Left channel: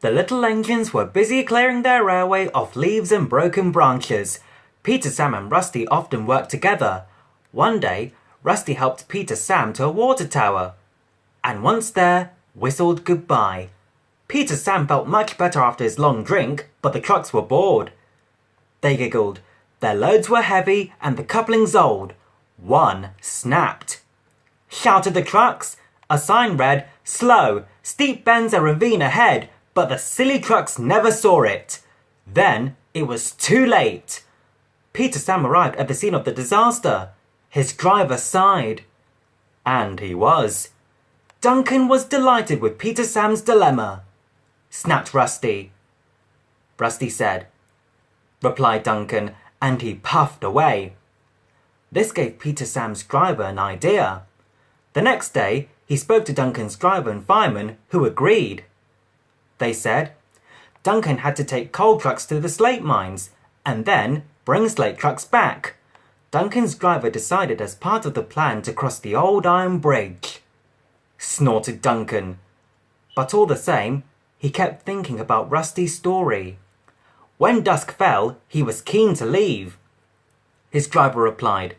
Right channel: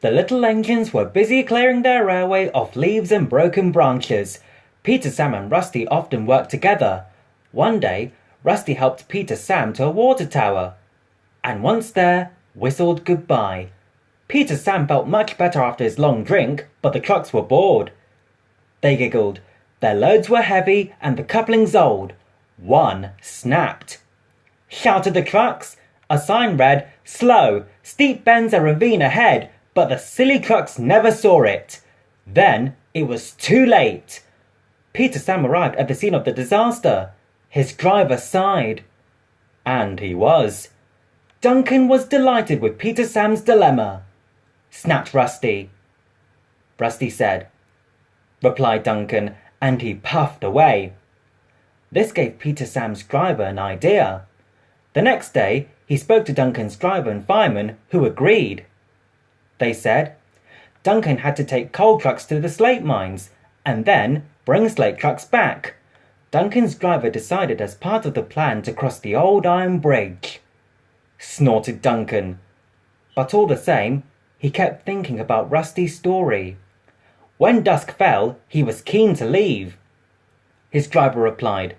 The little engines were busy clearing their railway of leaves and broken branches. Peter, Sam and Rusty often worked together. One day, Rusty helped Peter Sam to a water tower, and once there, whistled goodbye. Peter Sam felt much better after his long drink, but the trucks were bored. They giggled. Their loads were heavy and the couplings old. One snapped. Shouted the trucks. A sign read, "Slow, steep bends a ravine ahead," but the silly trucks never saw it. Then it was too late. Peter Sam arrived at the scene of the disaster. His driver sighed. And he was. Duncan was delighted with Peter Sam's dilemma. Snapped Rusty. Rusty said, replied Duncan, and he puffed away. This gave Peter Sam's driver an idea. The next day, he spoke to Duncan's driver and fireman, who agreed. They said, Duncan had to take coal trucks to the slate mines, and then bring slate trucks back. Duncan's driver decided as part of the plan to cross the old iron bridge. Snorted Duncan. But all the same, he kept thinking about Rusty's story. When dusk fell, he was keen to leave. His driver replied.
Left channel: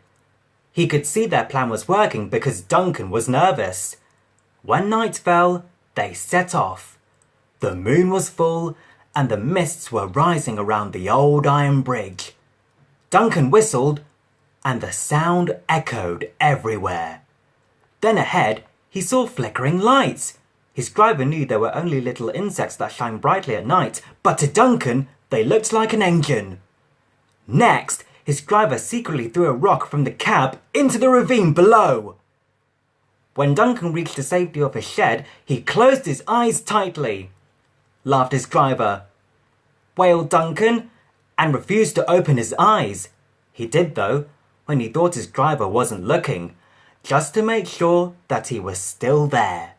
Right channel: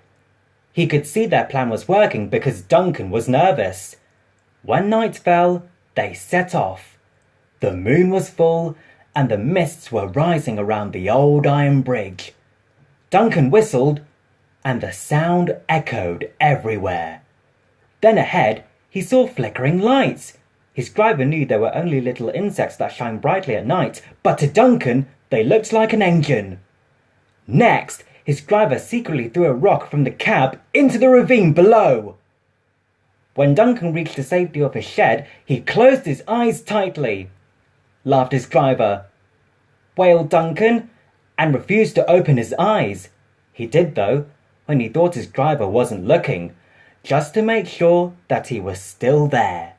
He could see their plan was working because Duncan was nervous. When night fell, they set off. The moon was full, and the mists were rising around the old iron bridge. Duncan whistled, and the sound echoed everywhere. Then ahead, he saw flickering lights. His driver knew they were only little insects that shine brightly at night, but to Duncan, they looked like an engine. Next, his driver secretly threw a rock from the cab into the ravine below. When Duncan reached the safety of his shed, he closed his eyes tightly. Laughed his driver. Wailed Duncan, and refused to open his eyes. He did, though, when he thought his driver wasn't looking, just to make sure that he was still there.